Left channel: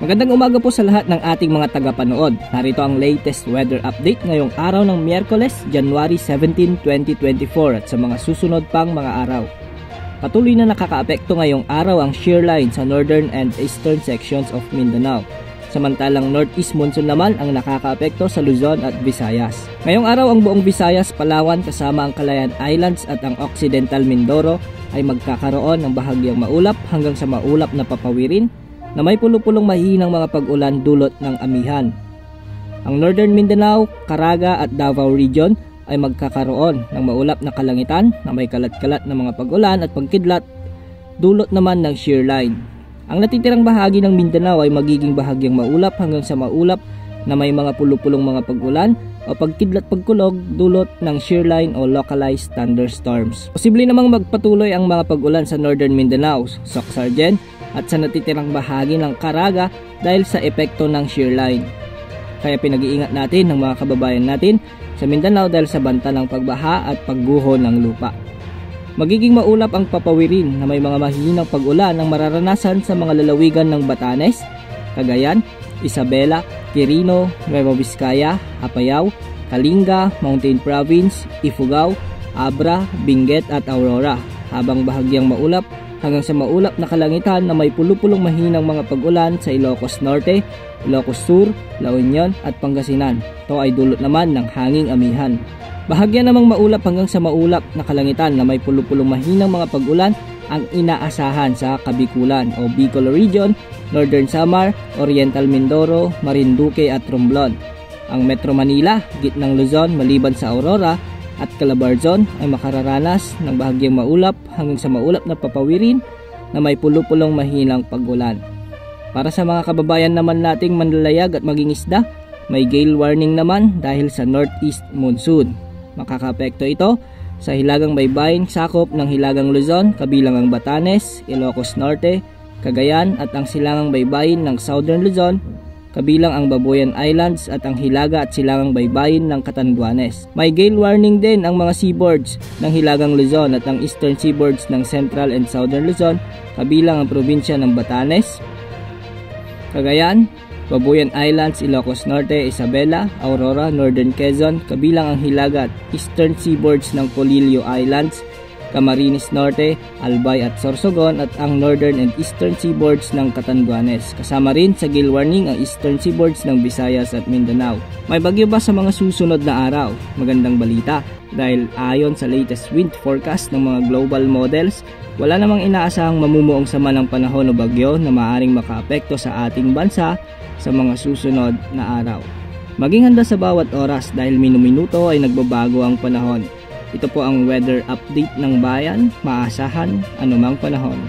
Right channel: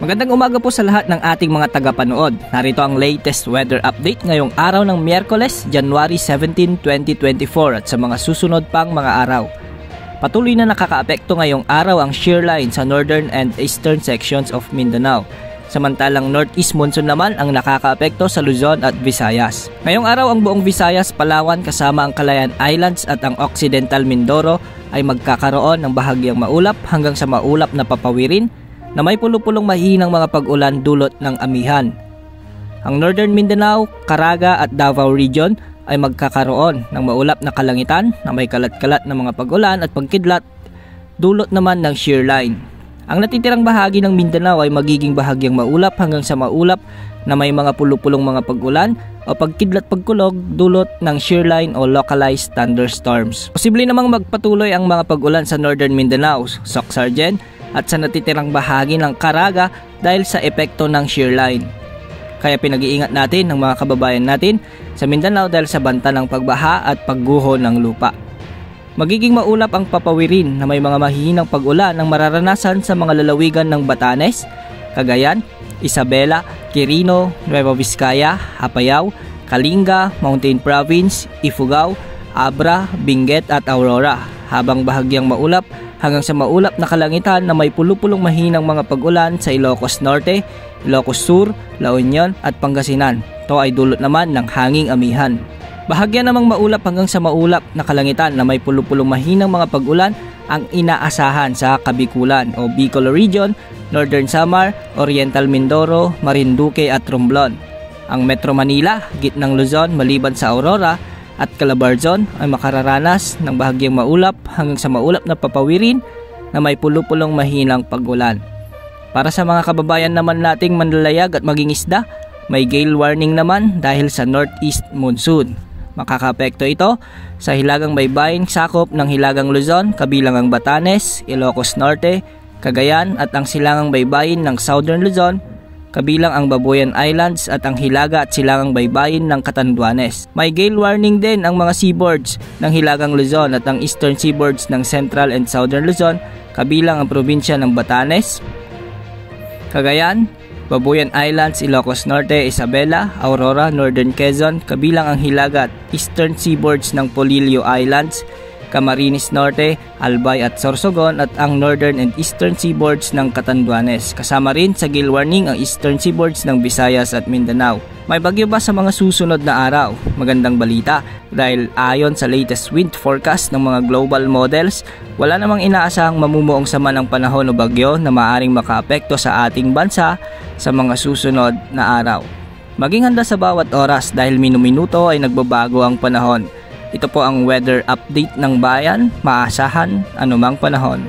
Magandang umaga po sa lahat ng ating mga tagapanood. Narito ang latest weather update ngayong araw ng Miyerkules, January 17, 2024 at sa mga susunod pang mga araw. Patuloy na nakakaapekto ngayong araw ang shear line sa northern and eastern sections of Mindanao. Samantalang northeast monsoon naman ang nakakaapekto sa Luzon at Visayas. Ngayong araw ang buong Visayas, Palawan kasama ang Calayan Islands at ang Occidental Mindoro ay magkakaroon ng bahagyang maulap hanggang sa maulap na papawirin na may pulo-pulong mahihinang mga pag-ulan dulot ng amihan. Ang Northern Mindanao, Caraga at Davao Region ay magkakaroon ng maulap na kalangitan na may kalat-kalat na mga pag-ulan at pagkidlat dulot naman ng shear line. Ang natitirang bahagi ng Mindanao ay magiging bahagyang maulap hanggang sa maulap na may mga pulo-pulong mga pag-ulan o pagkidlat-pagkulog dulot ng shear line o localized thunderstorms. Posible namang magpatuloy ang mga pag-ulan sa Northern Mindanao, Soc-Sargen, at sa natitirang bahagi ng Caraga dahil sa epekto ng shear line. Kaya pinag-iingat natin ng mga kababayan natin sa Mindanao dahil sa banta ng pagbaha at pagguho ng lupa. Magiging maulap ang papawirin na may mga mahihinang pag-ulan ang mararanasan sa mga lalawigan ng Batanes, Cagayan, Isabela, Quirino, Nueva Vizcaya, Apayao, Kalinga, Mountain Province, Ifugao, Abra, Benguet at Aurora, habang bahagyang maulap hanggang sa maulap na kalangitan na may pulo-pulong mahinang mga pag-ulan sa Ilocos Norte, Ilocos Sur, La Union at Pangasinan. Ito ay dulot naman ng hanging amihan. Bahagya namang maulap hanggang sa maulap na kalangitan na may pulo-pulong mahinang mga pag-ulan ang inaasahan sa Kabikulan o Bicol Region, Northern Samar, Oriental Mindoro, Marinduque at Romblon. Ang Metro Manila, gitnang Luzon maliban sa Aurora at Calabarzon ay makararanas ng bahagyang maulap hanggang sa maulap na papawirin na may pulo-pulong mahinang pag-ulan. Para sa mga kababayan naman nating manlalayag at maging isda, may gale warning naman dahil sa northeast monsoon. Makakaapekto ito sa hilagang baybayin sakop ng hilagang Luzon, kabilang ang Batanes, Ilocos Norte, Cagayan at ang silangang baybayin ng Southern Luzon, kabilang ang Babuyan Islands at ang hilaga at silangang baybayin ng Catanduanes. May gale warning din ang mga seaboards ng hilagang Luzon at ang eastern seaboards ng Central and Southern Luzon, kabilang ang probinsya ng Batanes, Cagayan, Babuyan Islands, Ilocos Norte, Isabela, Aurora, Northern Quezon, kabilang ang hilaga at eastern seaboards ng Polillo Islands, Camarines Norte, Albay at Sorsogon at ang northern and eastern seaboards ng Catanduanes. Kasama rin sa gale warning ang eastern seaboards ng Visayas at Mindanao. May bagyo ba sa mga susunod na araw? Magandang balita dahil ayon sa latest wind forecast ng mga global models, wala namang inaasahang mamumuong sama ng panahon o bagyo na maaaring makaapekto sa ating bansa sa mga susunod na araw. Maging handa sa bawat oras dahil minu-minuto ay nagbabago ang panahon. Ito po ang weather update ng bayan, maasahan anumang panahon.